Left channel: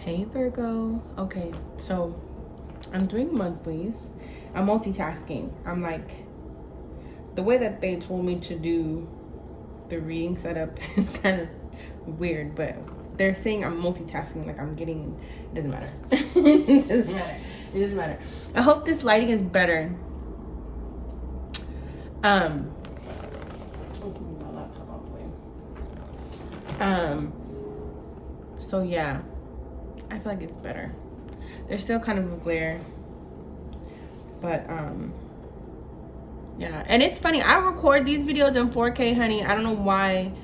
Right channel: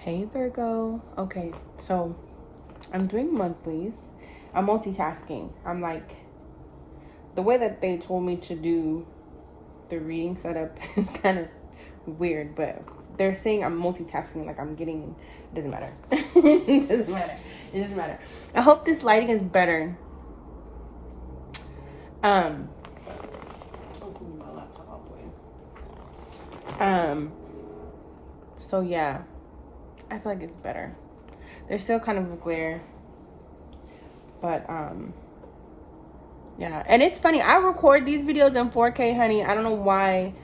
Hey Virgo. Okay, so I'm doing monthlies. I'm multitasking. I'm like, the way that they told me to do the reading setup is kind of weird, but they're saying I'm multitasking, like I'm getting, it doesn't matter. It doesn't matter. It doesn't matter. I hope this lighting is better. Let's move my laptop out the way. So yeah, I feel like it's better. There's still kind of a glare, but yeah. And it's funny, I record these videos in 4K, honey. I don't know why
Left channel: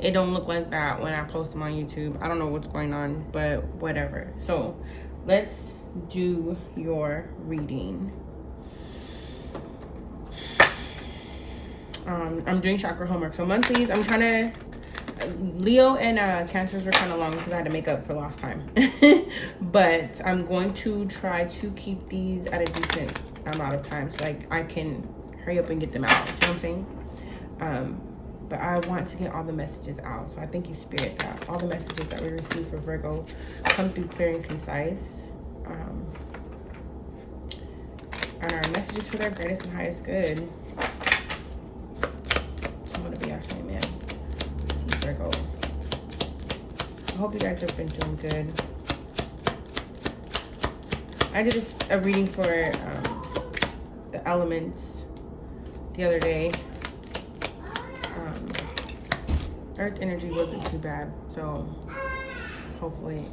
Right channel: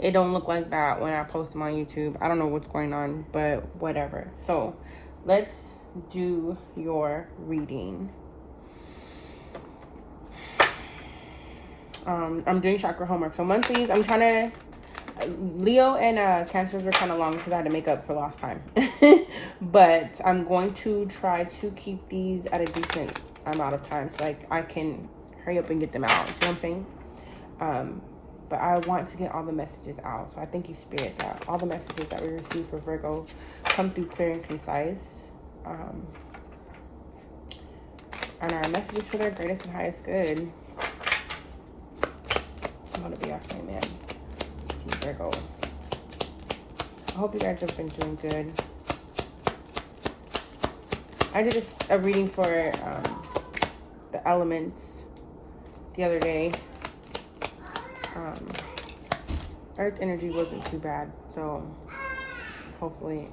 it don't look like that when I post them on YouTube. I don't know what's going on, but whatever. So let's do your reading. I'm doing chakra homework. So monthlies, I'm trying to, Leo and Cancers were kind of long because I had to make up for lost time. But I'm going to try to keep these at a decent amount of time so I can hurry up and get them out. You know what I'm saying? But I want to get all the messages out. So I thank you, Spirit, that all the messages that we receive for Virgo come through clear and concise. And our messages for their greatest and highest good. To be actually, man. Virgo. I hope you guys have been doing good. I did a reading for the elements the other day. Earth energy wasn't too bad, so hopefully,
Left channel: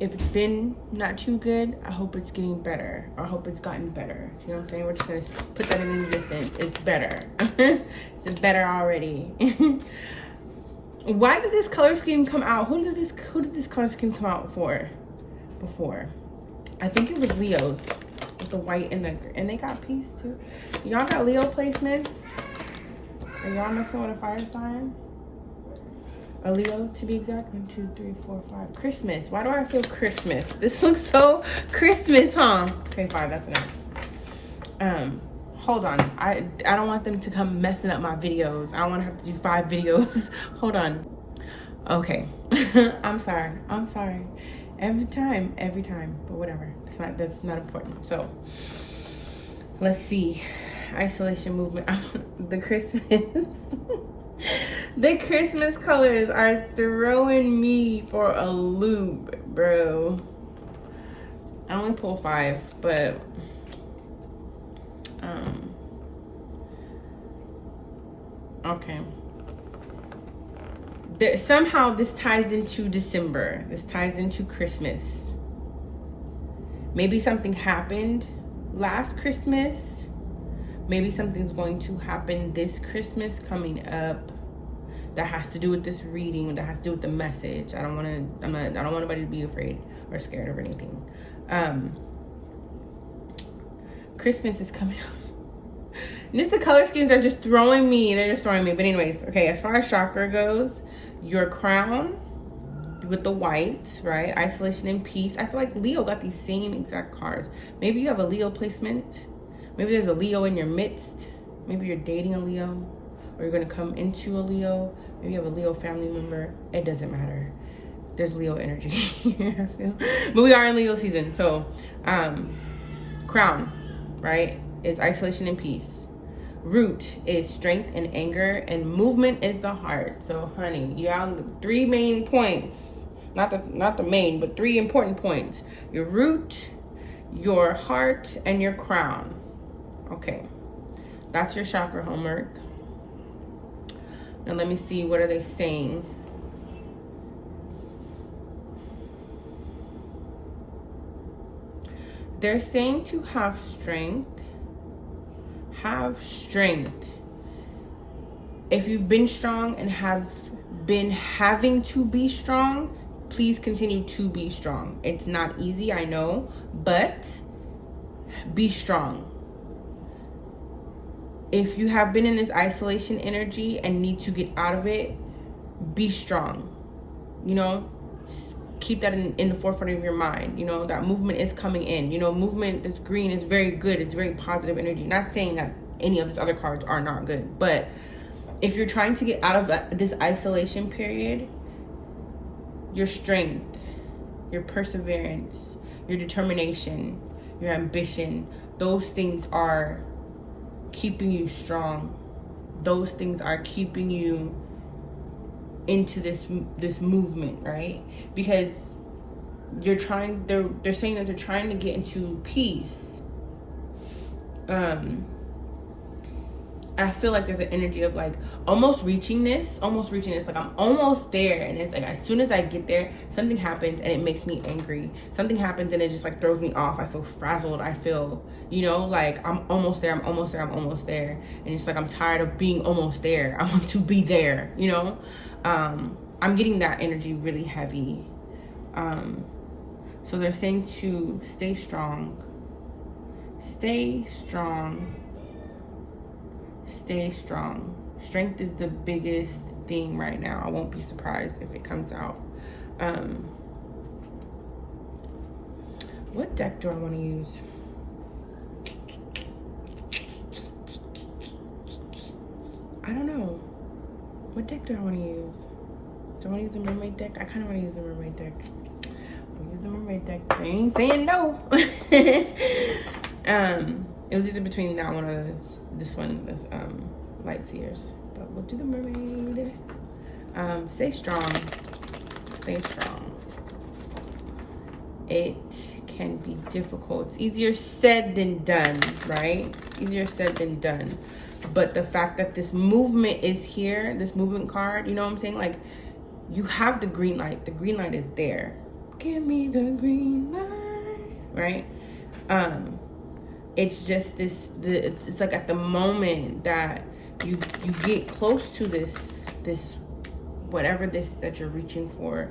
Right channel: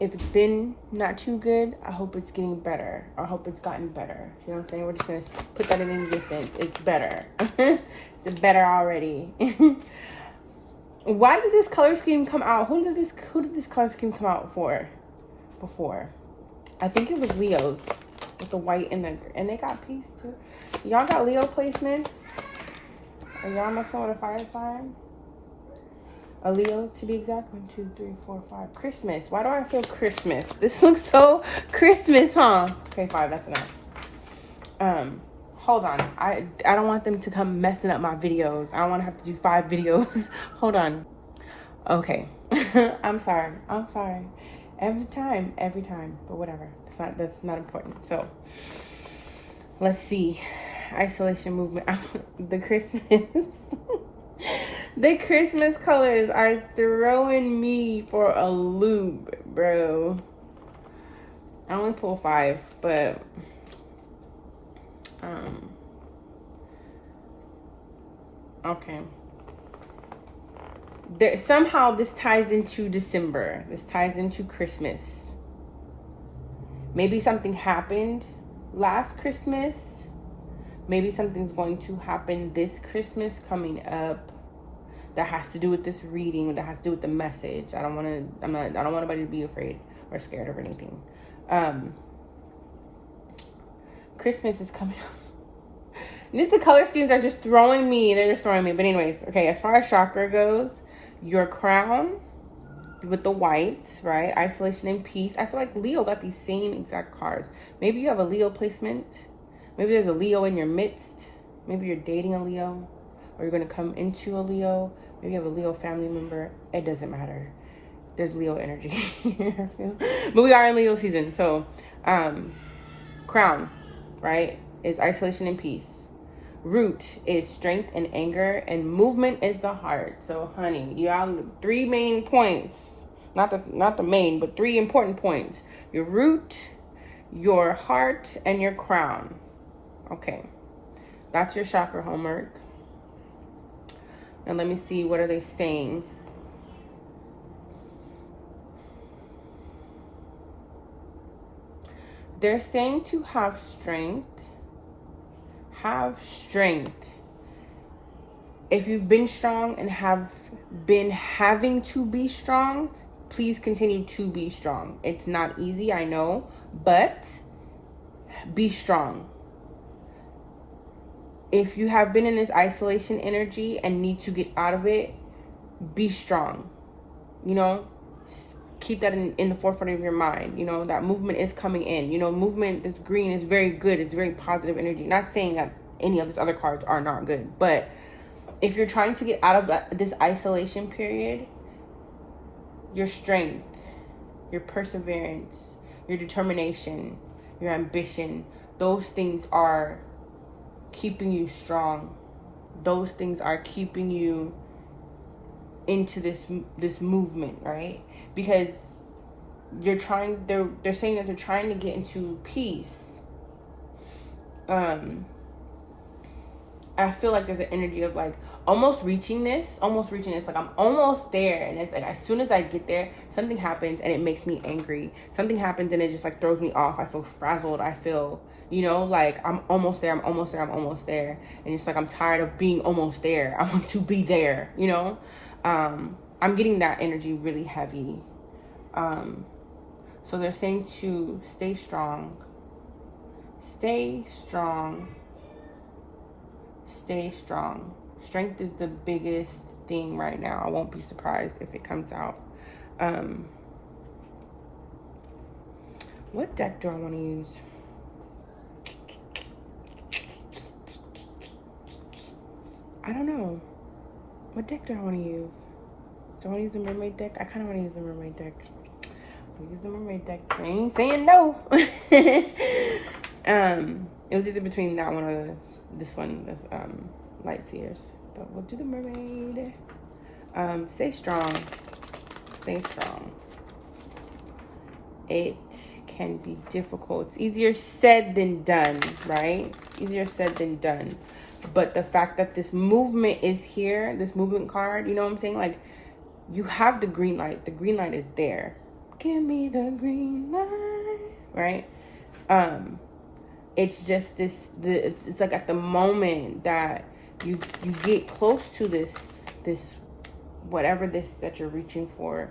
if it's been not too good, I hope it's getting better. I hope it's gotten better. You know what I'm saying? We're just gonna put that in existence. It's better. It's better already. Why did this color scheme come out? Who did this color scheme come out for before? I think it was Leo's with the white and they got peace too. Y'all got Leo placements? Are y'all messing with a fire sign? A Leo, to be exact. 1, 2, 3, 4, 5. Christmas. Why do I feel Christmas? This looks so Christmas, huh? Okay, 5. That's enough. Hold on. I don't want them to come messing up my videos. I don't want to have to do 5 videos. Hold on. Okay. I'm sorry. Every time. But whatever. That's not important. So let's see. Isolation movement. The Christmas. The Christmas colors are throwing me for a loop, bro. I only pull 5, but okay. Somehow this ties into December. This ties into Christmas. Maybe something happened last Christmas. Maybe something's going to happen this Christmas coming up that has to do with this reading, that has to do with the message. I don't want anybody to be afraid or scared of anything. Christmas is coming up. Just the color schemes are just throwing me. They're just throwing me. But anyways, okay, as far as chakra goes, your crown with the white, right? Isolation and peace. I feel like Leo got these same exact cards. Maybe you have a Leo placement. Maybe there's a Leo in your midst. Maybe you're dating a Leo, or you're going to come into a Leo. Maybe you have a Leo family member. It doesn't matter. There's Leo energy here, I feel. But we are in Leo season. So, crown, right, is isolation and peace. Root is strength and anger. And movement is the heart. So, honey, you have 3 main points. Not the main, but 3 important points. Your root, your heart, and your crown. Okay, that's your chakra homework. Now let me see, what are they saying? They're saying to have strength. Have strength. If you've been strong and have been having to be strong, please continue to be strong. It's not easy, I know, but be strong. If you have been in this isolation energy and need to get out of it, be strong. You know, keep that in the forefront of your mind. You know, that movement is coming in. You know, movement, this green is very good. It's very positive energy. Not saying that any of these other cards are not good, but if you're trying to get out of this isolation period, your strength, your perseverance, your determination, your ambition, those things are keeping you strong. Those things are keeping you into this movement, right? Because they're saying that they're trying to get into peace. I feel like there's an energy of like almost reaching this, like I'm almost there, and it's like as soon as I get there, something happens and it makes me angry. Something happens and it just like throws me off. I feel frazzled. I feel, like I'm almost there, and it's like I'm tired of being almost there. I want to be there, I'm getting that energy really heavy. So they're saying to stay strong. Stay strong. Stay strong. Strength is the biggest thing right now. I won't be surprised if it comes out. What deck do I want to use? I don't know. What deck do I want to use? Do I want to use the mermaid deck? I kind of want to use the mermaid deck. I'll use the mermaid deck. I ain't saying no. It was either between that one or this one, the light seers. But we'll do the mermaid. Stay strong. Stay strong. It can be difficult. It's easier said than done, right? Easier said than done. But the fact that this movement is here, this movement card, you know what I'm saying? Like, you have the green light. The green light is there. Give me the green light, right? It's just it's like at the moment that you get close to this whatever this that you're reaching for,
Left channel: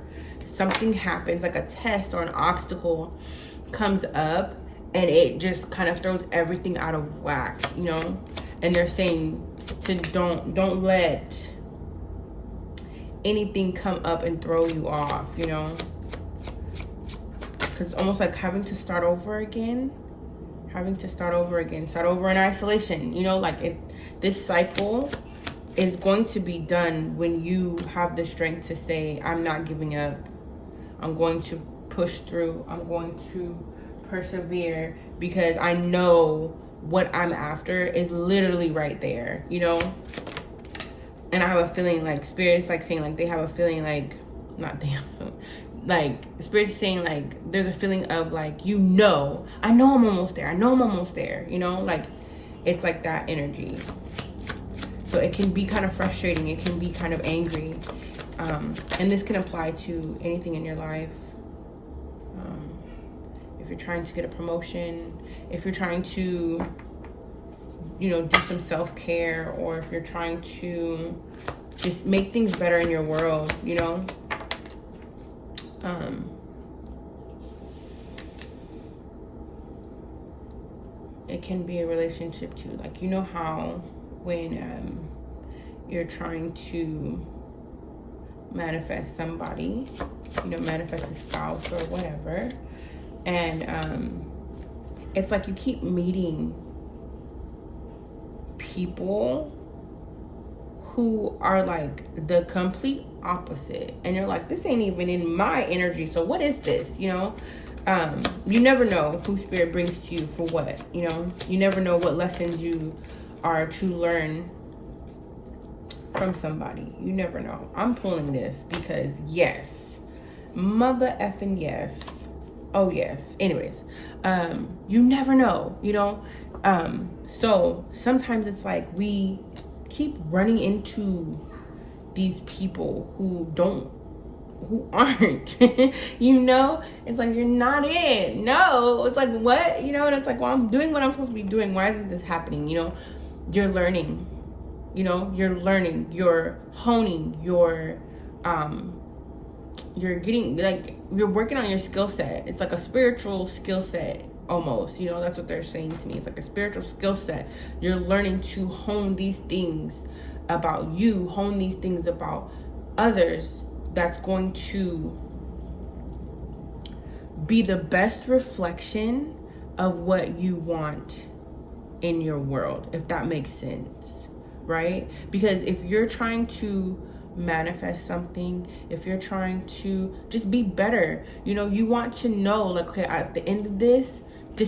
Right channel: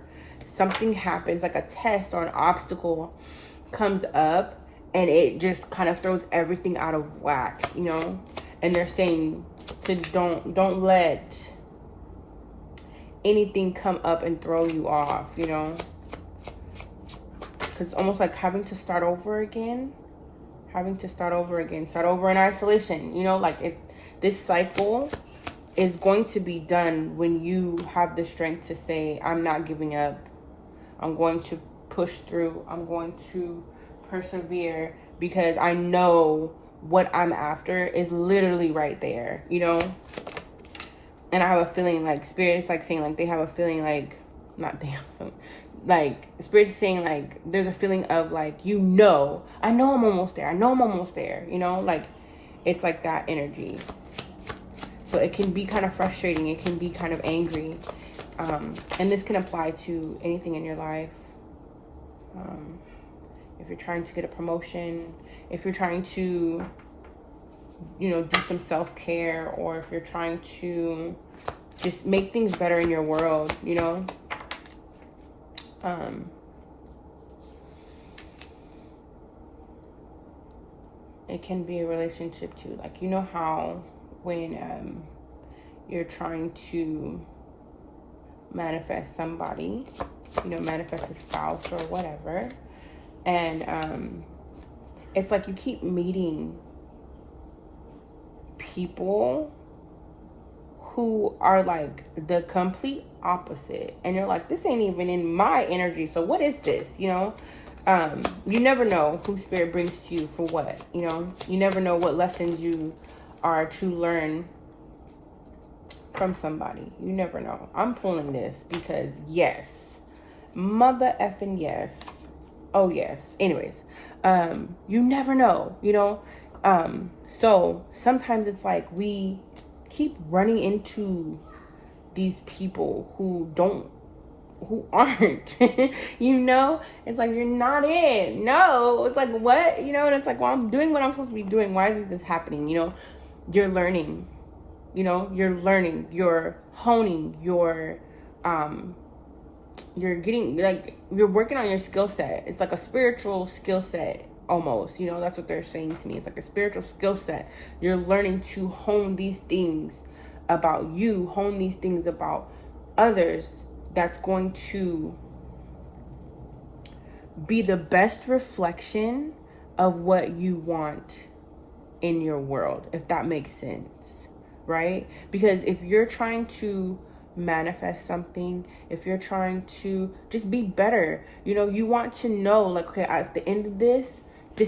something happens, like a test or an obstacle comes up, and it just kind of throws everything out of whack, and they're saying to don't let anything come up and throw you off, because it's almost like having to start over in isolation, this cycle is going to be done when you have the strength to say, I'm not giving up. I'm going to push through. I'm going to persevere, because I know what I'm after is literally right there, And I have a feeling like Spirit's like saying like they have a feeling like, not they, like Spirit's saying like there's a feeling of like, I know I'm almost there. Like it's like that energy. So it can be kind of frustrating. It can be kind of angry. And this can apply to anything in your life. If you're trying to get a promotion, if you're trying to, do some self-care, or if you're trying to just make things better in your world, it can be a relationship too. Like, how when you're trying to manifest somebody, manifest a spouse or whatever, and it's like you keep meeting people who are like the complete opposite, and you're like, this ain't even in my energy, so what is this? You never know who Spirit brings to you for what. You never know what lessons you are to learn from somebody. You never know. I'm pulling this because yes, mother effing yes. Oh yes. Anyways, you never know, so sometimes it's like we keep running into these people who aren't, it's like, you're not it. No, it's like, what? And it's like, well, I'm doing what I'm supposed to be doing. Why isn't this happening? You're learning, you're honing, you're getting, like, you're working on your skill set. It's like a spiritual skill set almost, that's what they're saying to me. It's like a spiritual skill set. You're learning to hone these things about you, hone these things about others, that's going to be the best reflection of what you want in your world, if that makes sense, right? Because if you're trying to manifest something, if you're trying to just be better, you know, you want to know, like, okay, at the end of this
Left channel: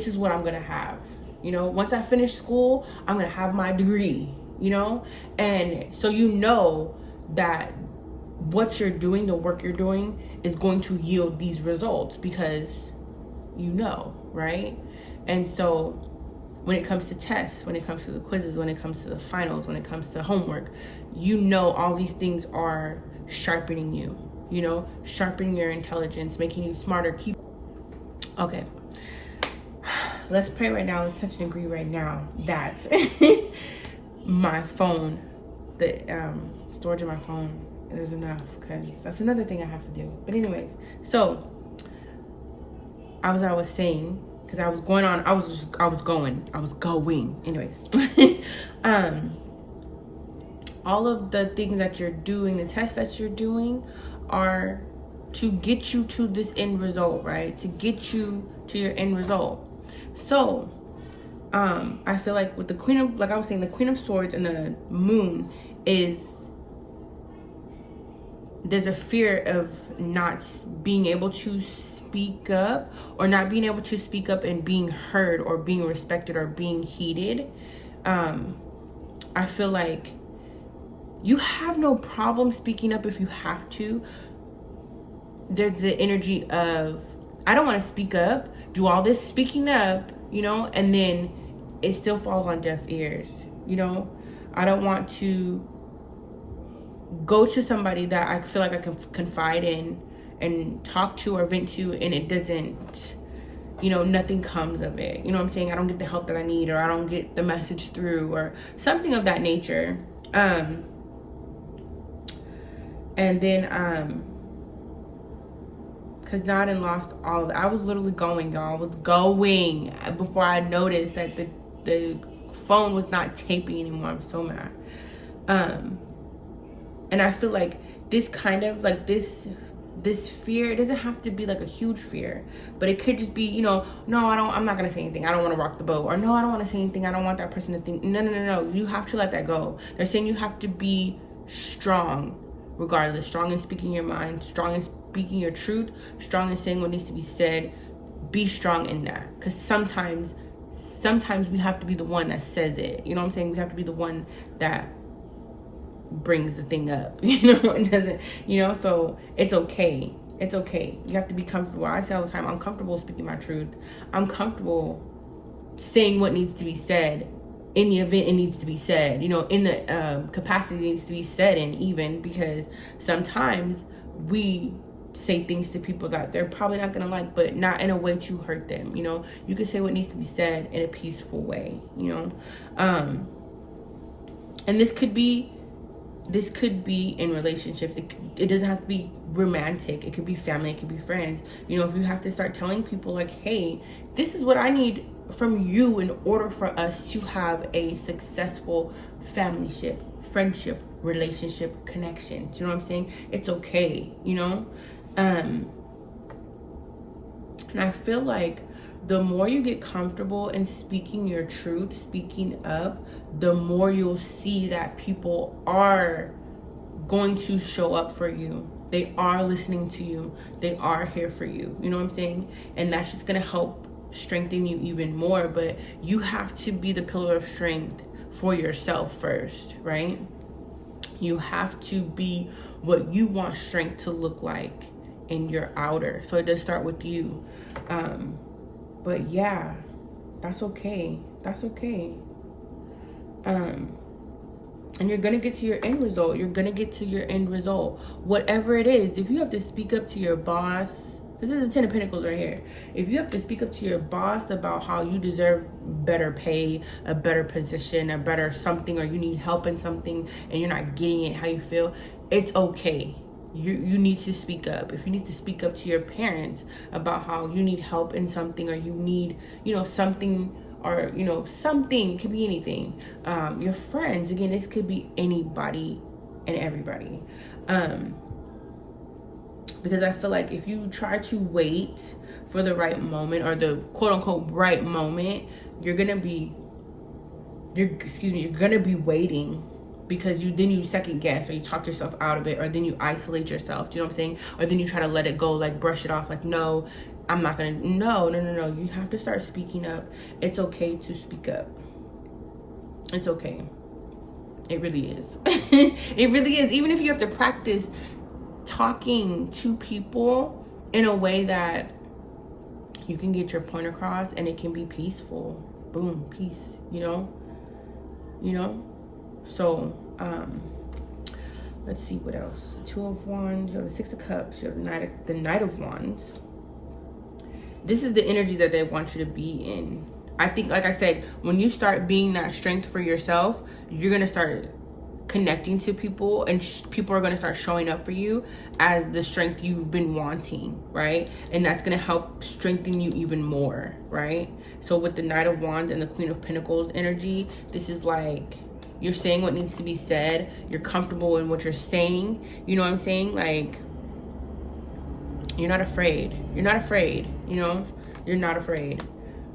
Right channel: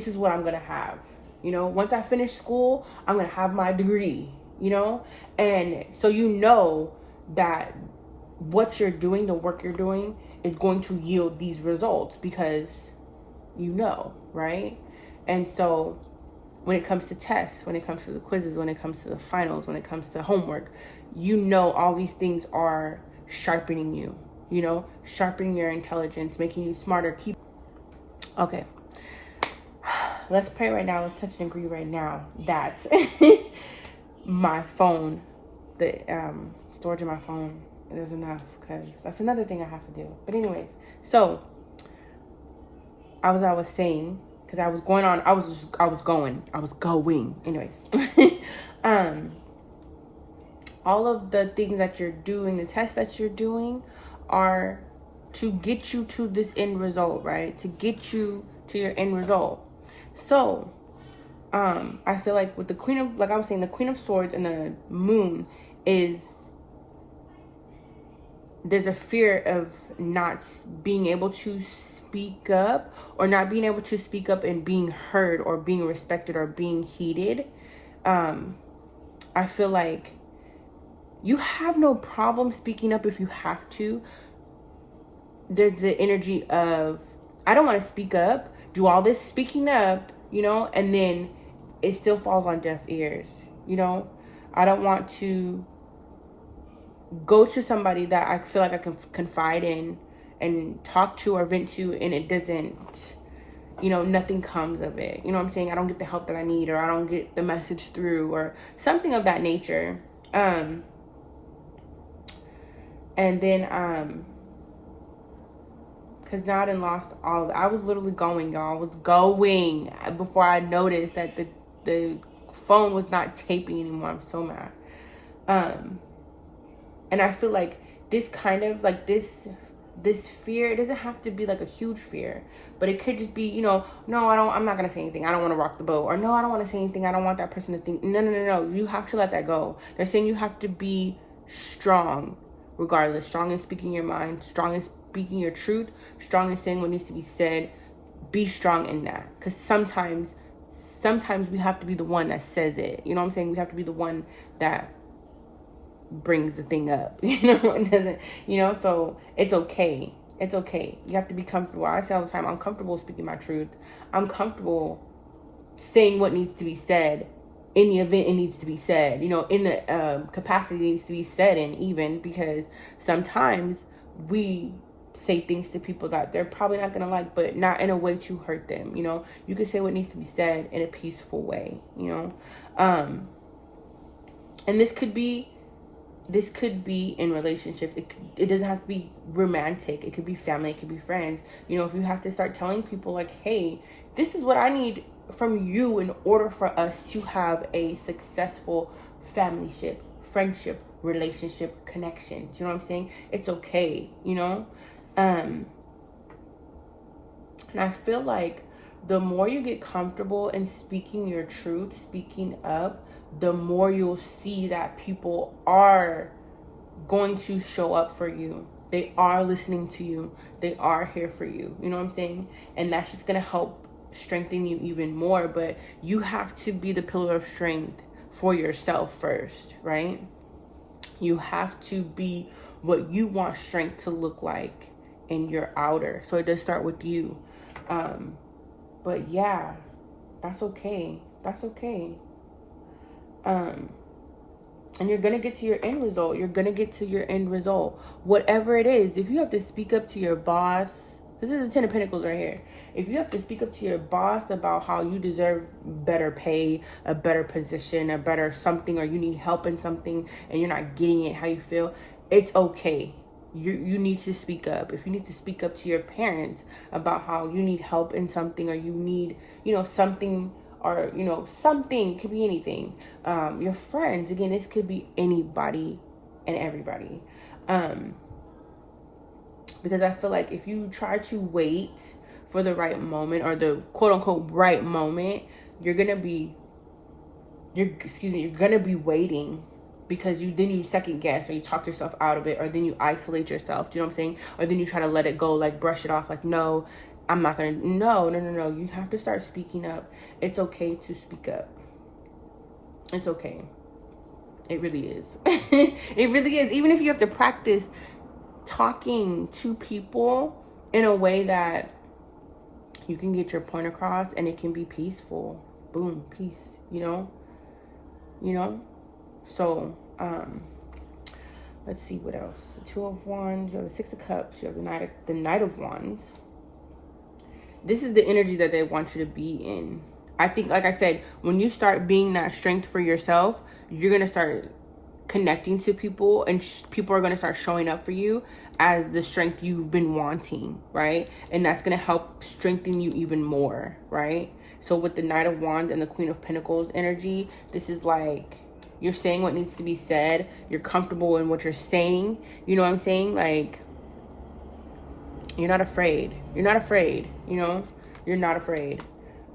is what I'm gonna have. You know, once I finish school, I'm gonna have my degree, you know? And so you know that what you're doing, the work you're doing, is going to yield these results because you know, right? And so when it comes to tests, when it comes to the quizzes, when it comes to the finals, when it comes to homework, you know all these things are sharpening you, you know, sharpening your intelligence, making you smarter. Okay. Let's pray right now. Let's touch and agree right now that my phone, the storage of my phone, there's enough, because that's another thing I have to do. But anyways, so I was saying, because I was going. Anyways, all of the things that you're doing, the tests that you're doing, are to get you to this end result, right? To get you to your end result. So, I feel like with the Queen of, like I was saying, the Queen of Swords and the Moon there's a fear of not being able to speak up, or not being able to speak up and being heard or being respected or being heeded. I feel like you have no problem speaking up if you have to. There's the energy of, I don't want to speak up, do all this speaking up, you know, and then it still falls on deaf ears, you know. I don't want to go to somebody that I feel like I can confide in and talk to or vent to, and it doesn't, you know, nothing comes of it. You know what I'm saying? I don't get the help that I need, or I don't get the message through, or something of that nature. And then, because now I done lost all of it. I was literally going, y'all. I was going before I noticed that the phone was not taping anymore. I'm so mad. And I feel like this kind of, like, this fear, it doesn't have to be like a huge fear, but it could just be, you know, no, I'm not going to say anything. I don't want to rock the boat. Or no, I don't want to say anything. I don't want that person to think. No. You have to let that go. They're saying you have to be strong regardless. Strong in speaking your mind. Strong in speaking your truth. Strong in saying what needs to be said. Be strong in that. Because sometimes we have to be the one that says it. You know what I'm saying? We have to be the one that brings the thing up, you know. It doesn't, you know, so it's okay. You have to be comfortable. I say all the time, I'm comfortable speaking my truth. I'm comfortable saying what needs to be said in the event it needs to be said, you know, in the capacity it needs to be said in, even because sometimes we say things to people that they're probably not gonna like, but not in a way to hurt them, you know. You can say what needs to be said in a peaceful way, you know. And this could be in relationships. It doesn't have to be romantic. It could be family. It could be friends. You know, if you have to start telling people like, hey, this is what I need from you in order for us to have a successful familyship, friendship, relationship, connection. You know what I'm saying? It's okay, you know? And I feel like the more you get comfortable in speaking your truth, speaking up, the more you'll see that people are going to show up for you. They are listening to you. They are here for you. You know what I'm saying? And that's just going to help strengthen you even more. But you have to be the pillar of strength for yourself first, right? You have to be what you want strength to look like in your outer. So it does start with you. But yeah, that's okay. That's okay. And you're going to get to your end result. You're going to get to your end result. Whatever it is, if you have to speak up to your boss, this is the 10 of Pentacles right here. If you have to speak up to your boss about how you deserve better pay, a better position, a better something, or you need help in something and you're not getting it how you feel, it's okay. You need to speak up. If you need to speak up to your parents about how you need help in something, or you need, you know, something, or, you know, something, it could be anything. Your friends, again, this could be anybody and everybody. Because I feel like if you try to wait for the right moment, or the quote unquote right moment, you're gonna be waiting because then you second guess, or you talk yourself out of it, or then you isolate yourself. Do you know what I'm saying? Or then you try to let it go, like brush it off, like, no, I'm not gonna. No. You have to start speaking up. It's okay to speak up. It's okay. It really is. It really is. Even if you have to practice talking to people in a way that you can get your point across and it can be peaceful. Boom, peace, you know? So, let's see what else. The Two of Wands, you have the Six of Cups, you have the Knight of Wands. This is the energy that they want you to be in. I think, like I said, when you start being that strength for yourself, you're going to start connecting to people, and people are going to start showing up for you as the strength you've been wanting, right? And that's going to help strengthen you even more, right? So with the Knight of Wands and the Queen of Pentacles energy, this is like you're saying what needs to be said. You're comfortable in what you're saying. You know what I'm saying? Like, you're not afraid. You're not afraid, you know? You're not afraid.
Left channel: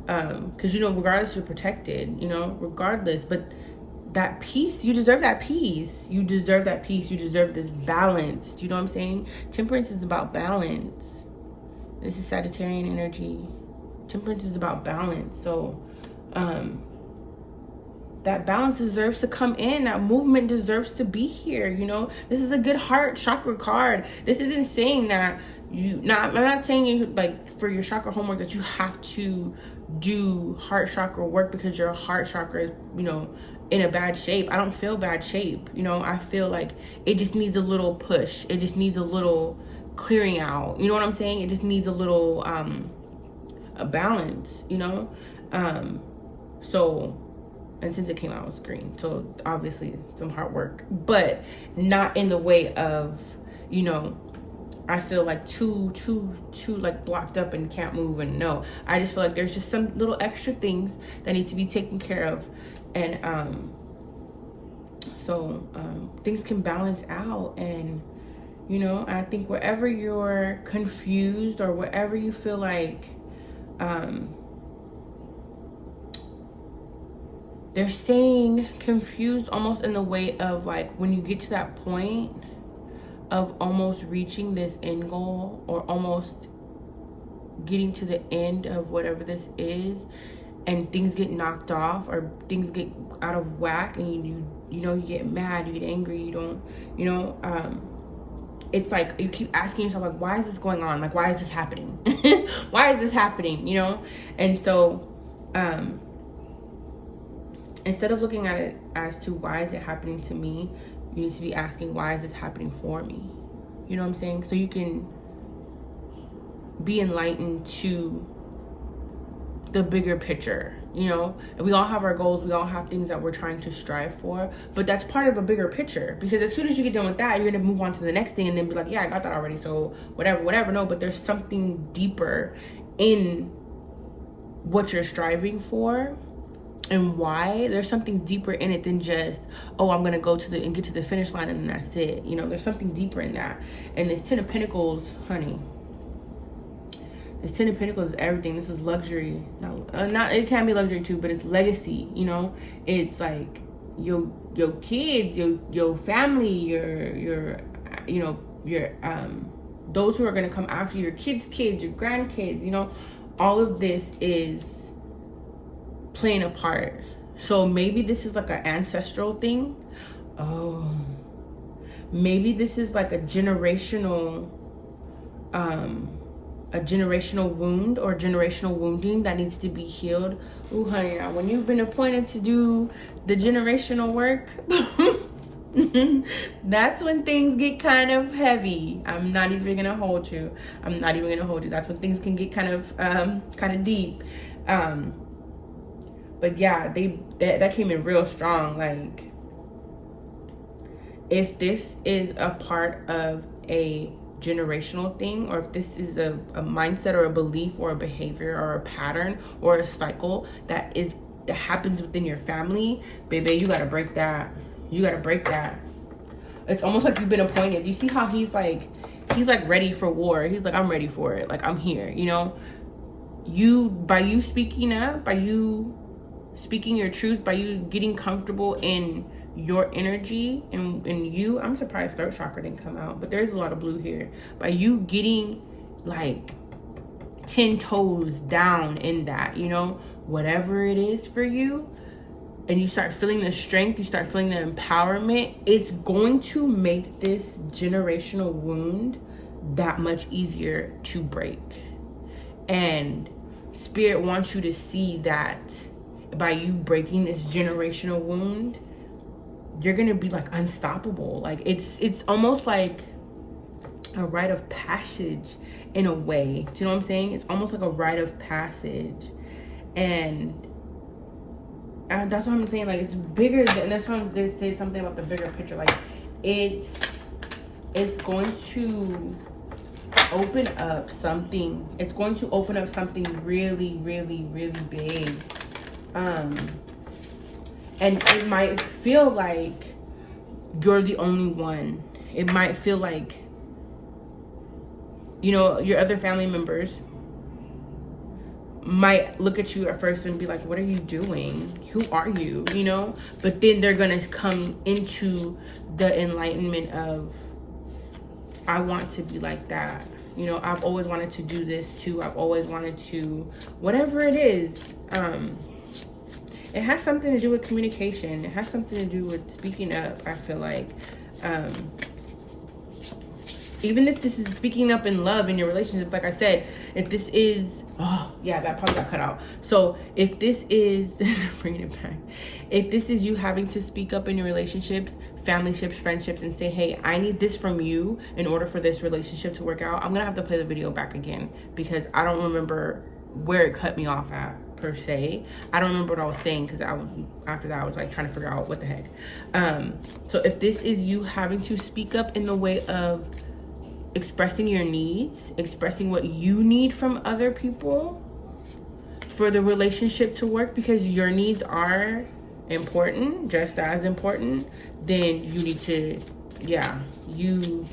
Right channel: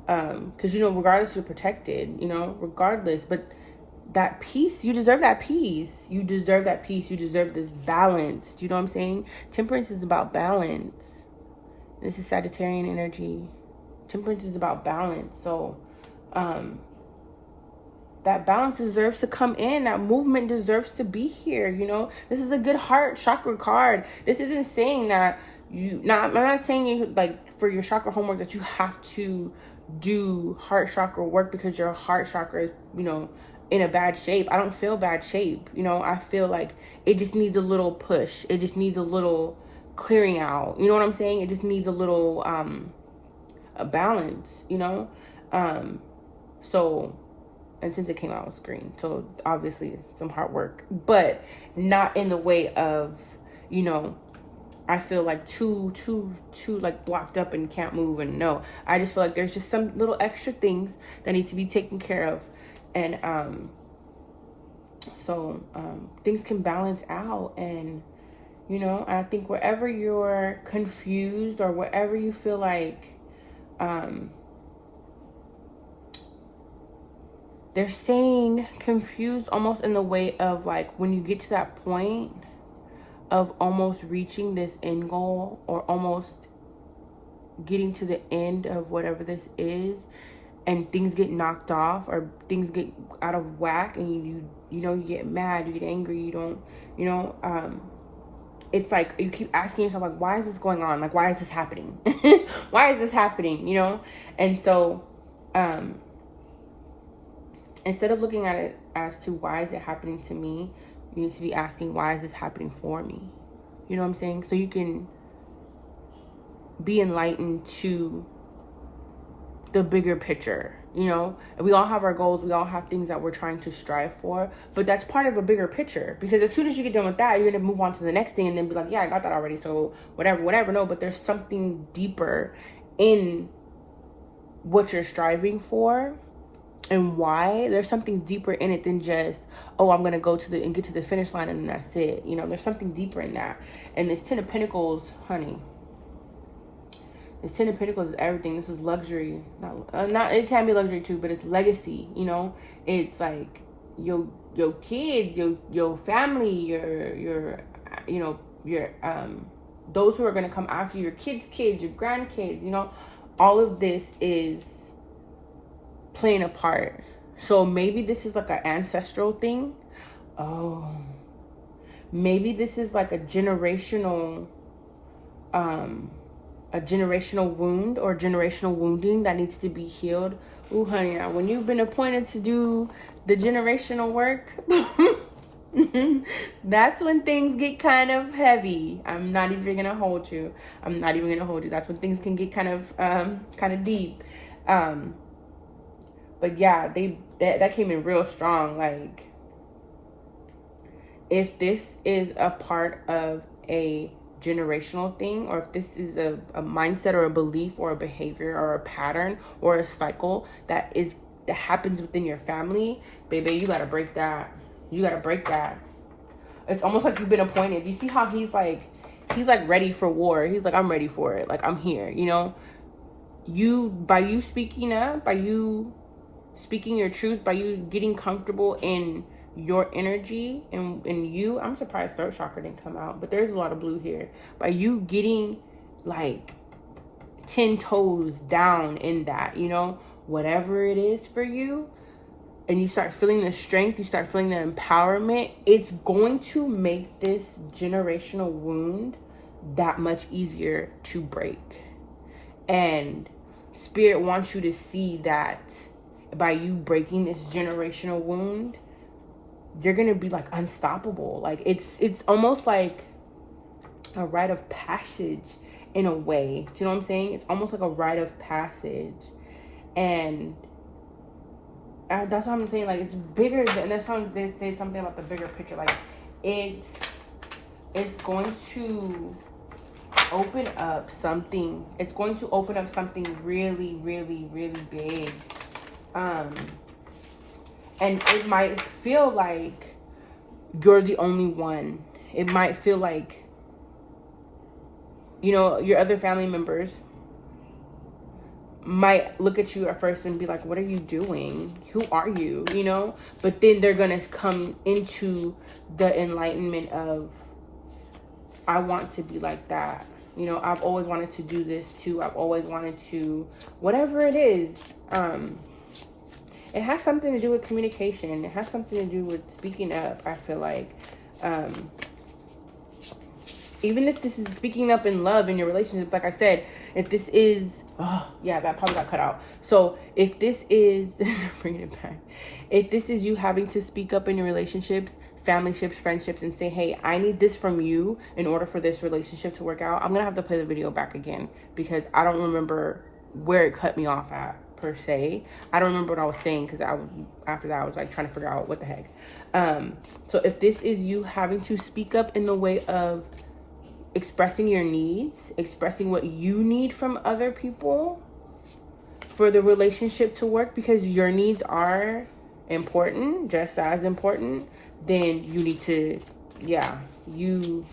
Because, you know, regardless, you're protected, you know, regardless. But that peace, you deserve that peace. You deserve that peace. You deserve this balance. Do you know what I'm saying? Temperance is about balance. This is Sagittarian energy. Temperance is about balance. So, that balance deserves to come in. That movement deserves to be here, you know? This is a good heart chakra card. This isn't saying that I'm not saying you, like, for your chakra homework that you have to do heart chakra work because your heart chakra is, you know, in a bad shape. I don't feel bad shape, you know? I feel like it just needs a little push. It just needs a little clearing out. You know what I'm saying? It just needs a little, a balance, you know? So, and since it came out with green, so obviously some hard work, but not in the way of, you know, I feel like too like blocked up and can't move. And no, I just feel like there's just some little extra things that need to be taken care of. And things can balance out. And, you know, I think wherever you're confused or wherever you feel like they're saying confused almost in the way of, like, when you get to that point of almost reaching this end goal or almost getting to the end of whatever this is, and things get knocked off or things get out of whack, and you know, you get mad, you get angry, you don't, you know, it's like you keep asking yourself, like, why is this going on? Like, why is this happening? Why is this happening? You know? And so instead of looking at it as to why is it happening to me, you need to be asking, why is this happening for me? You know what I'm saying? So you can be enlightened to the bigger picture, you know? We all have our goals. We all have things that we're trying to strive for, but that's part of a bigger picture, because as soon as you get done with that, you're going to move on to the next thing and then be like, yeah, I got that already. So whatever. No, but there's something deeper in what you're striving for. And why? There's something deeper in it than just, oh, I'm gonna go to and get to the finish line and then that's it. You know, there's something deeper in that. And this Ten of Pentacles, honey, this Ten of Pentacles is everything. This is luxury. Not it can be luxury too, but it's legacy. You know, it's like your kids, your family, your you know, your those who are gonna come after you, your kids, your grandkids. You know, all of this is playing a part. So maybe this is like an ancestral thing. Oh, maybe this is like a generational wound or generational wounding that needs to be healed. Ooh, honey, now when you've been appointed to do the generational work, that's when things get kind of heavy. I'm not even gonna hold you. That's when things can get kind of deep. But yeah, that came in real strong. Like, if this is a part of a generational thing, or if this is a mindset or a belief or a behavior or a pattern or a cycle that happens within your family, baby, you gotta break that. It's almost like you've been appointed. You see how he's like ready for war. He's like, I'm ready for it. Like, I'm here, you know? By you speaking up, by you speaking your truth, by you getting comfortable in your energy and you, I'm surprised throat chakra didn't come out, but there's a lot of blue here. By you getting like 10 toes down in that, you know, whatever it is for you, and you start feeling the strength, you start feeling the empowerment, it's going to make this generational wound that much easier to break. And Spirit wants you to see that by you breaking this generational wound, you're gonna be like unstoppable. Like it's almost like a rite of passage in a way. Do you know what I'm saying? It's almost like a rite of passage. And that's what I'm saying. Like, it's bigger than, that's why they said something about the bigger picture. Like, it's going to open up something. It's going to open up something really, really, really big. And it might feel like you're the only one. It might feel like, you know, your other family members might look at you at first and be like, what are you doing? Who are you? You know? But then they're going to come into the enlightenment of, I want to be like that. You know, I've always wanted to do this too. I've always wanted to, whatever it is. It has something to do with communication. It has something to do with speaking up, I feel like. Even if this is speaking up in love in your relationships, like I said, if this is, oh yeah, that probably got cut out. So if this is, bringing it back, if this is you having to speak up in your relationships, familyships, friendships, and say, hey, I need this from you in order for this relationship to work out, I'm gonna have to play the video back again because I don't remember where it cut me off at per se. I don't remember what I was saying because after that I was like trying to figure out what the heck. So if this is you having to speak up in the way of expressing your needs, expressing what you need from other people for the relationship to work, because your needs are important, just as important, then you need to, yeah, you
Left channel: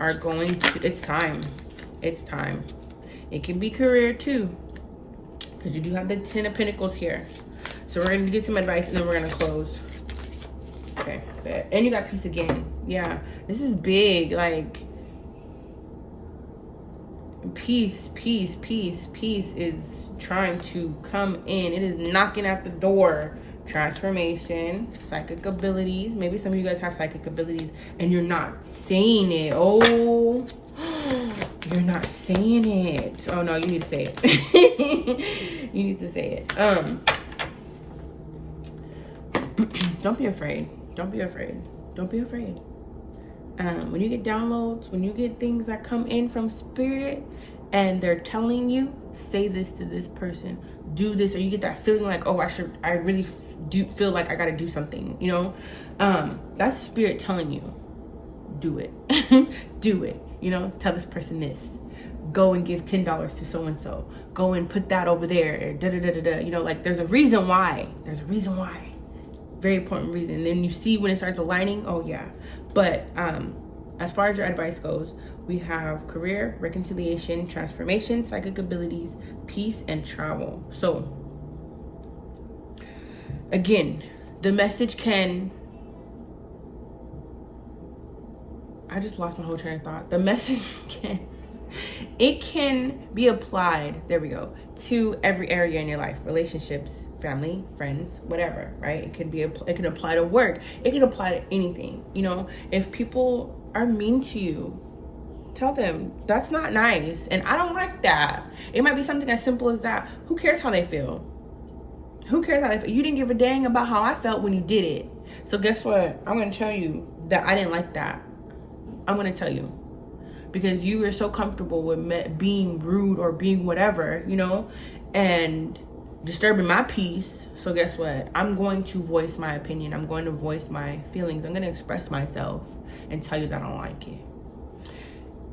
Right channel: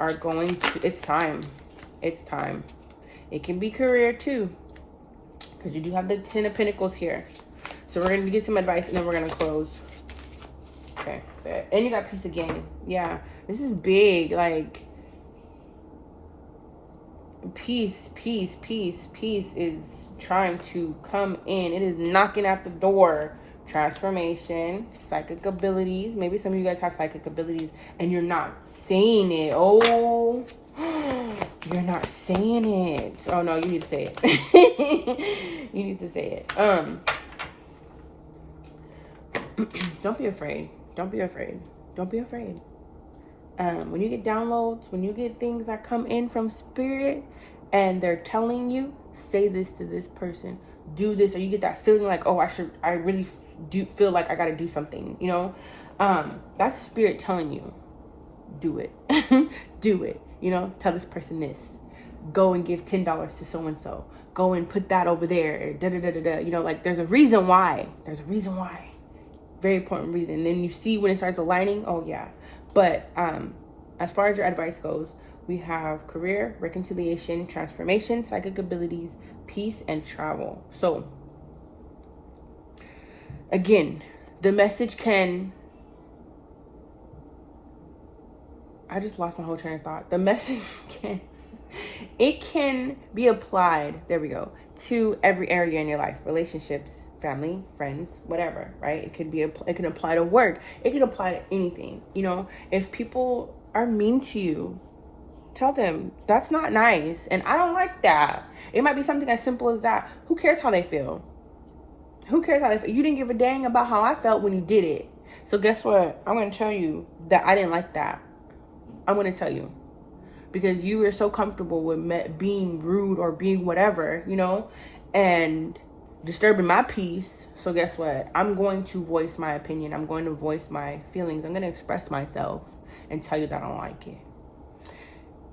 are going to, it's time. It can be career too, because you do have the 10 of Pentacles here. So we're going to get some advice and then we're going to close. Okay, and you got peace again. Yeah, this is big, like, peace is trying to come in. It is knocking at the door. Transformation, psychic abilities. Maybe some of you guys have psychic abilities and you're not saying it. Oh, you're not saying it. Oh no, you need to say it. You need to say it. Don't be afraid. Don't be afraid. Don't be afraid. When you get downloads, when you get things that come in from Spirit and they're telling you, say this to this person, do this, or you get that feeling like, oh, I really do feel like I got to do something, you know, that's Spirit telling you, do it. Do it, you know, tell this person this, go and give $10 to so-and-so, go and put that over there, you know, like there's a reason why, very important reason. And then you see when it starts aligning, oh yeah. But as far as your advice goes, we have career, reconciliation, transformation, psychic abilities, peace, and travel. So again, the message can, I just lost my whole train of thought. The message can be applied, there we go, to every area in your life, relationships, family, friends, whatever, right? It can apply to work. It can apply to anything, you know? If people are mean to you, tell them that's not nice and I don't like that. It might be something as simple as that. Who cares how they feel? Who cares how they feel? You didn't give a dang about how I felt when you did it. So guess what? I'm going to tell you that I didn't like that. I'm going to tell you. Because you were so comfortable with being rude or being whatever, you know? And disturbing my peace. So guess what? I'm going to voice my opinion. I'm going to voice my feelings. I'm going to express myself and tell you that I don't like it.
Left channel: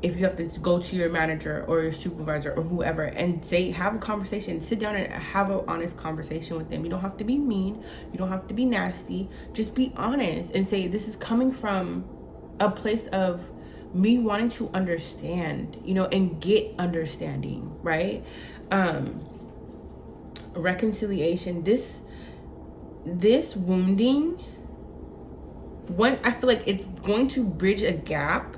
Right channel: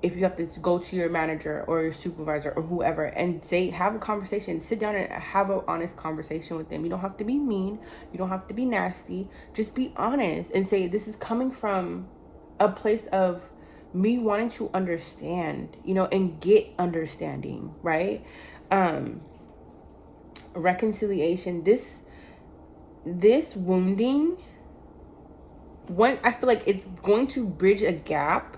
If you have to go to your manager or your supervisor or whoever and have a conversation, sit down and have an honest conversation with them. You don't have to be mean. You don't have to be nasty. Just be honest and say, this is coming from a place of me wanting to understand, you know, and get understanding, right? Reconciliation, this wounding I feel like it's going to bridge a gap.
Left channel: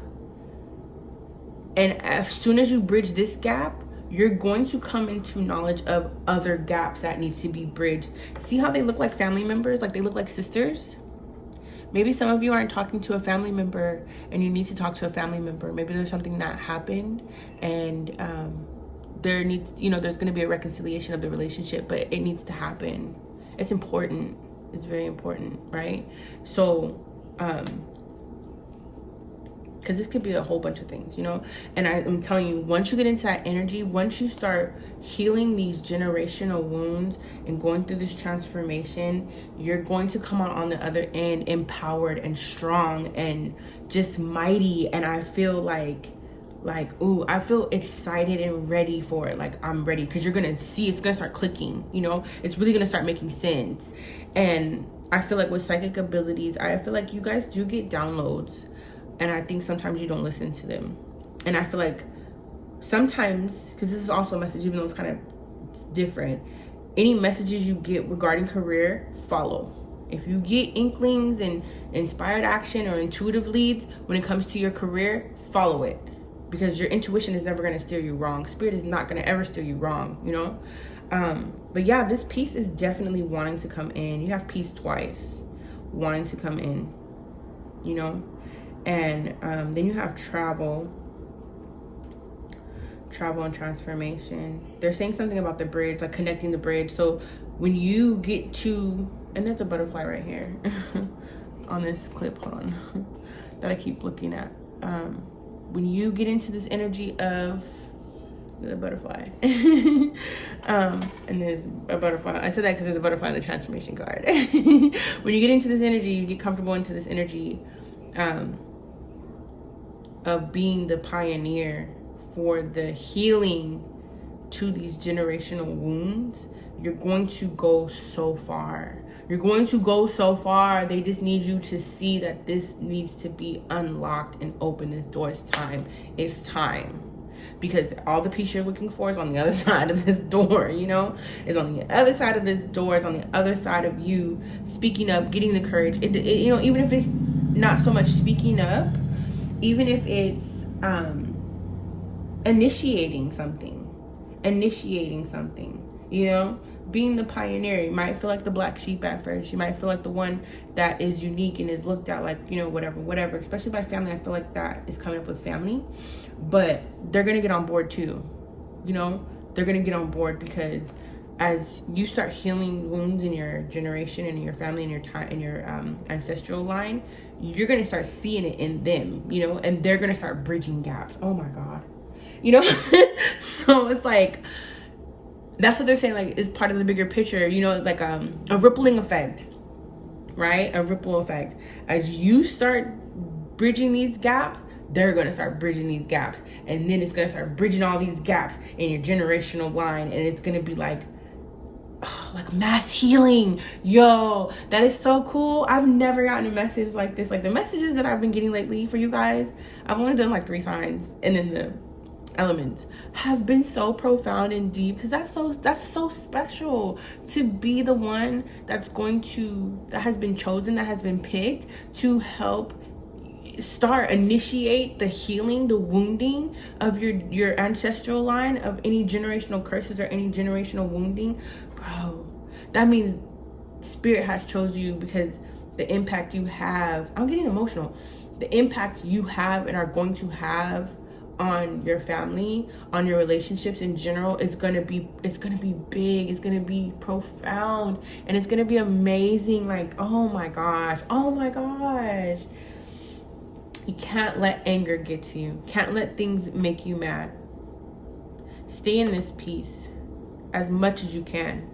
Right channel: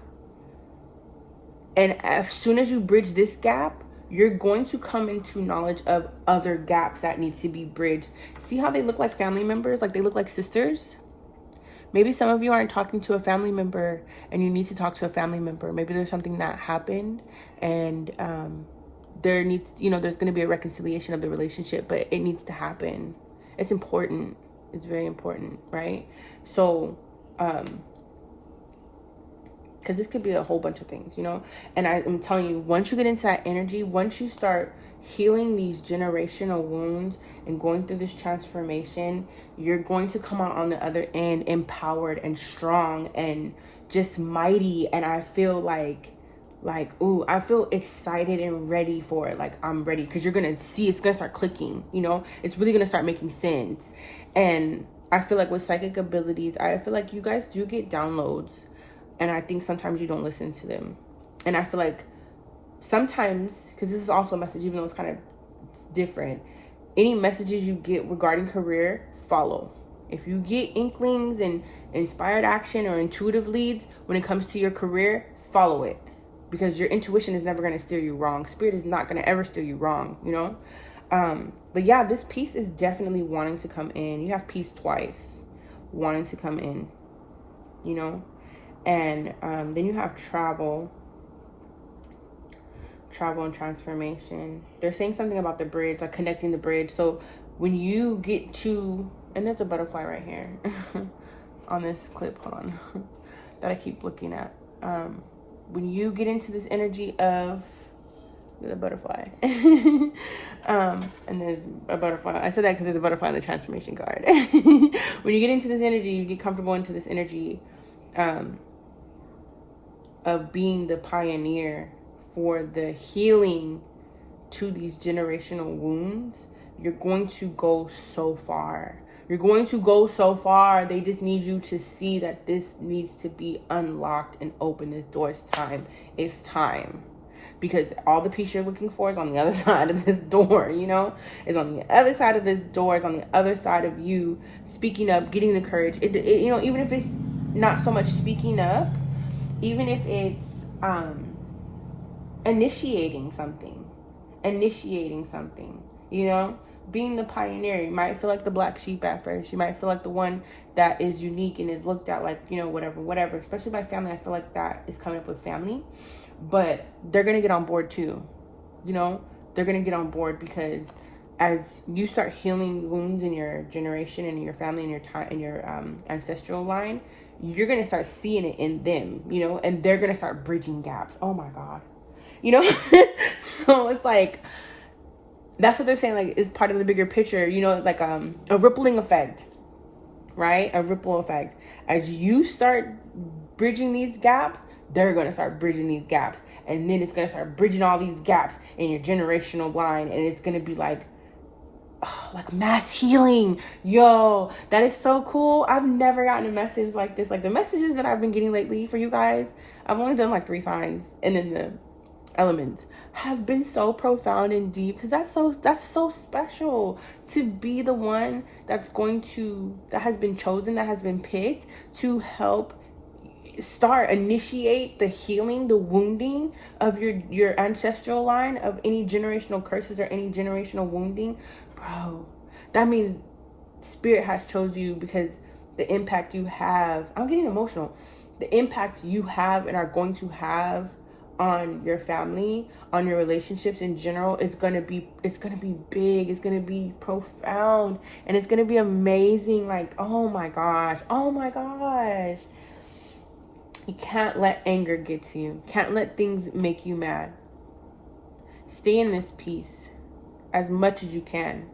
And as soon as you bridge this gap, you're going to come into knowledge of other gaps that needs to be bridged. See how they look like family members? Like they look like sisters? Maybe some of you aren't talking to a family member and you need to talk to a family member. Maybe there's something that happened and there's going to be a reconciliation of the relationship, but it needs to happen. It's important. It's very important, right? So, because this could be a whole bunch of things, and I'm telling you, once you get into that energy, once you start healing these generational wounds and going through this transformation, you're going to come out on the other end empowered and strong and just mighty. And I feel I feel excited and ready for it. Like I'm ready, because you're gonna see it's gonna start clicking, it's really gonna start making sense. And I feel like with psychic abilities, I feel like you guys do get downloads, and I think sometimes you don't listen to them. And I feel like sometimes, because this is also a message, even though it's kind of different, any messages you get regarding career, follow. If you get inklings and inspired action or intuitive leads when it comes to your career, follow it, because your intuition is never going to steer you wrong. Spirit is not going to ever steer you wrong, but yeah, this piece is definitely wanting to come in. You have peace twice, wanting to come in, and then you have travel and transformation. They're saying something about the bridge, like connecting the bridge. So when you get to, and there's a butterfly right here on this clip, hold on, that I keep looking at. When you get into this energy of the butterfly, and there's a butterfly. I said that because there's a butterfly in the transformation card. When you get into this energy, you get comfortable into this energy of being the pioneer for the healing to these generational wounds. You're going to go so far. You're going to go so far. They just need you to see that this needs to be unlocked and open. This door is time. It's time. Because all the peace you're looking for is on the other side of this door, It's on the other side of this door. It's on the other side of you speaking up, getting the courage. Even if it's not so much speaking up, even if it's initiating something, being the pioneer. You might feel like the black sheep at first. You might feel like the one that is unique and is looked at like, whatever, especially by family. I feel like that is coming up with family, but they're going to get on board too. They're going to get on board, because as you start healing wounds in your generation and in your family and your time in your ancestral line, you're going to start seeing it in them, and they're going to start bridging gaps. Oh my God. So it's like, that's what they're saying, like, is part of the bigger picture, like a rippling effect, right? A ripple effect. As you start bridging these gaps, they're going to start bridging these gaps. And then it's going to start bridging all these gaps in your generational line. And it's going to be like mass healing. Yo, that is so cool. I've never gotten a message like this. Like the messages that I've been getting lately for you guys, I've only done like 3 signs. And then the elements have been so profound and deep, because that's so special to be the one that has been chosen, that has been picked to help initiate the healing, the wounding of your ancestral line, of any generational curses or any generational wounding. Bro, that means Spirit has chose you, because the impact you have, I'm getting emotional, the impact you have and are going to have on your family, on your relationships in general, it's gonna be big, it's gonna be profound, and it's gonna be amazing. Like, oh my gosh, you can't let anger get to you. Can't let things make you mad. Stay in this peace as much as you can.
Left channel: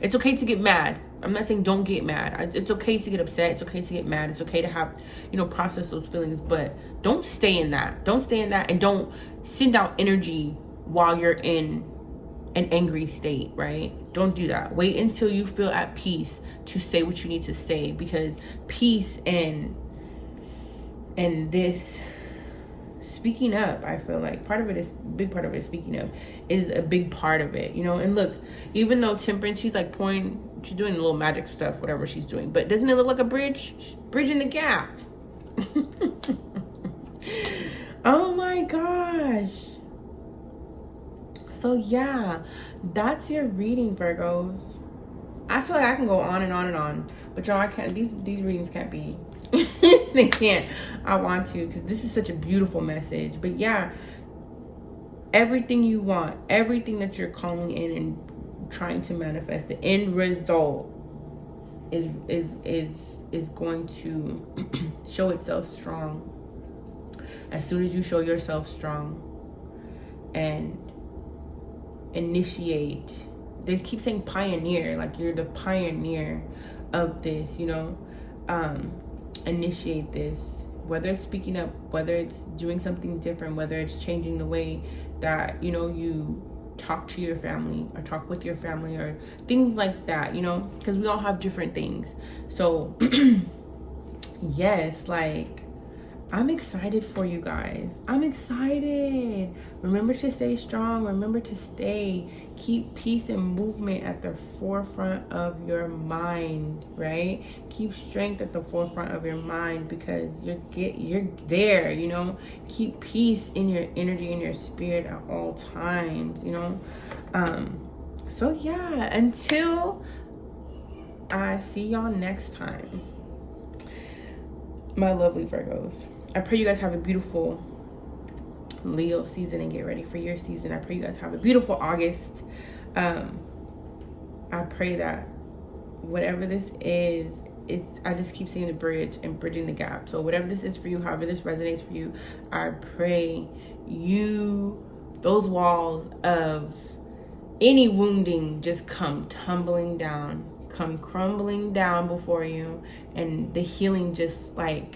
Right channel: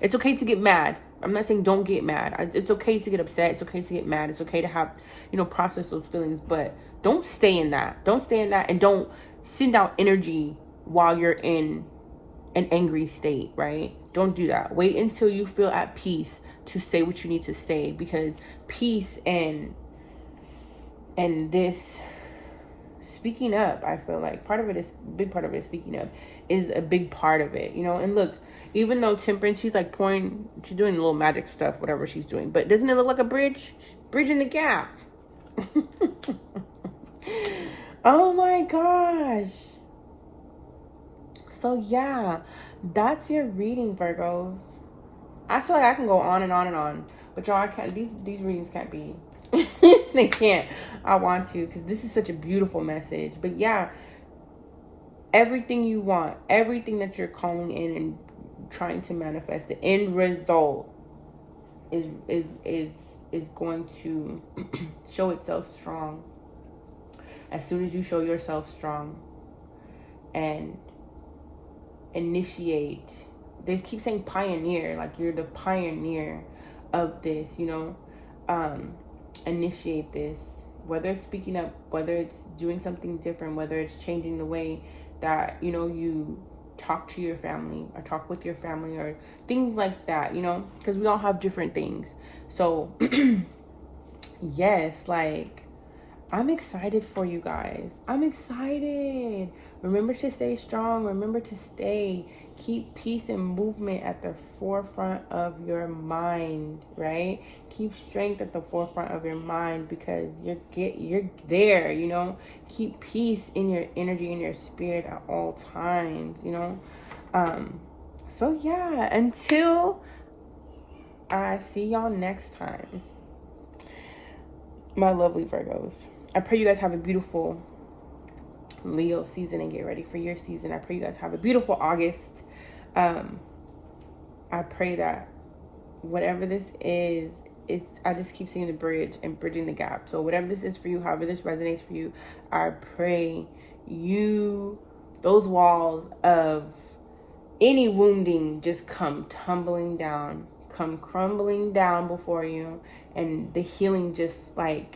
It's okay to get mad. I'm not saying don't get mad. It's okay to get upset. It's okay to get mad. It's okay to have, process those feelings, but don't stay in that. Don't stay in that, and don't send out energy while you're in an angry state, right? Don't do that. Wait until you feel at peace to say what you need to say, because peace and this speaking up. I feel like big part of it is speaking up is a big part of it, you know. And look, even though Temperance, she's like she's doing little magic stuff, whatever she's doing, but doesn't it look like a bridge? She's bridging the gap. Oh my gosh. So yeah, that's your reading, Virgos. I feel like I can go on and on and on, but y'all, I can't. These readings can't be. They can't. I want to, because this is such a beautiful message. But yeah, everything you want, everything that you're calling in and trying to manifest, the end result is going to show itself strong. As soon as you show yourself strong and initiate, they keep saying pioneer, like you're the pioneer of this, you know. Initiate this, whether it's speaking up, whether it's doing something different, whether it's changing the way that, you know, you talk to your family or talk with your family or things like that, you know, because we all have different things. So yes, like, I'm excited for you guys. I'm excited. Remember to stay strong. Remember to keep peace and movement at the forefront of your mind, right? Keep strength at the forefront of your mind, because you're there, you know. Keep peace in your energy and your spirit at all times, you know. So yeah, until I see y'all next time, my lovely Virgos, I pray you guys have a beautiful Leo season and get ready for your season. I pray you guys have a beautiful August. I pray that whatever this is, I just keep seeing the bridge and bridging the gap. So whatever this is for you, however this resonates for you, I pray those walls of any wounding just come tumbling down, come crumbling down before you, and the healing just like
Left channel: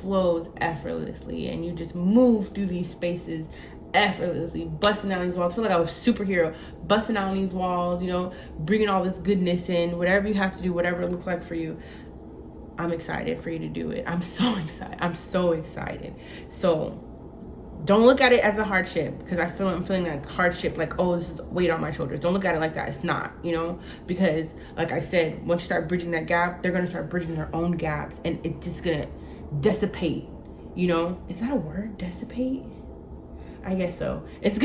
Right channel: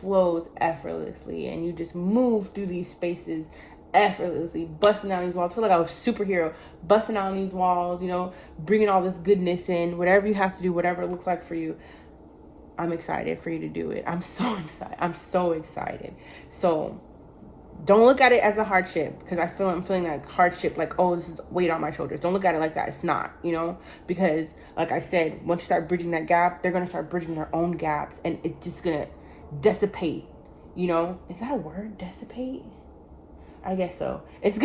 flows effortlessly, and you just move through these spaces effortlessly, busting down these walls. I feel like I was a superhero, busting down these walls, you know, bringing all this goodness in. Whatever you have to do, whatever it looks like for you, I'm excited for you to do it. I'm so excited. I'm so excited. So don't look at it as a hardship, because I'm feeling like hardship, like, oh, this is weight on my shoulders. Don't look at it like that. It's not, you know, because like I said, once you start bridging that gap, they're going to start bridging their own gaps, and it's just going to dissipate, you know. Is that a word? Dissipate? I guess so. It's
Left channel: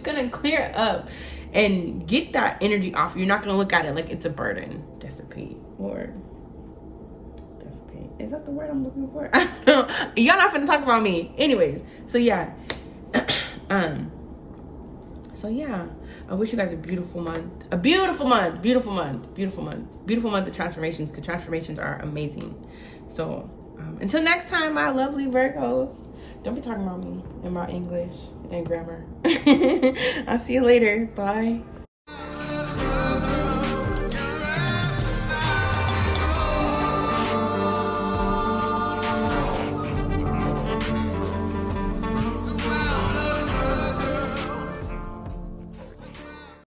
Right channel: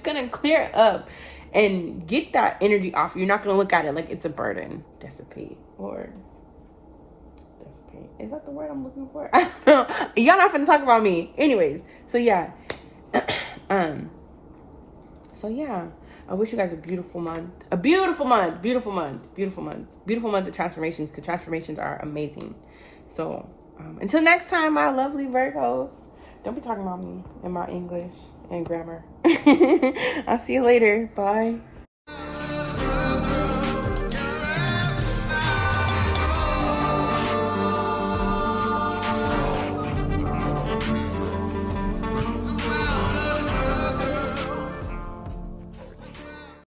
gonna clear up and get that energy off. You're not gonna look at it like it's a burden. Dissipate. Lord. Dissipate. Is that the word I'm looking for? I don't know. Y'all not gonna talk about me. Anyways, so yeah. So yeah. I wish you guys a beautiful month. A beautiful month. Beautiful month. Beautiful month. Beautiful month of transformations. The transformations are amazing. So until next time, my lovely Virgos. Don't be talking about me and my English and grammar. I'll see you later. Bye.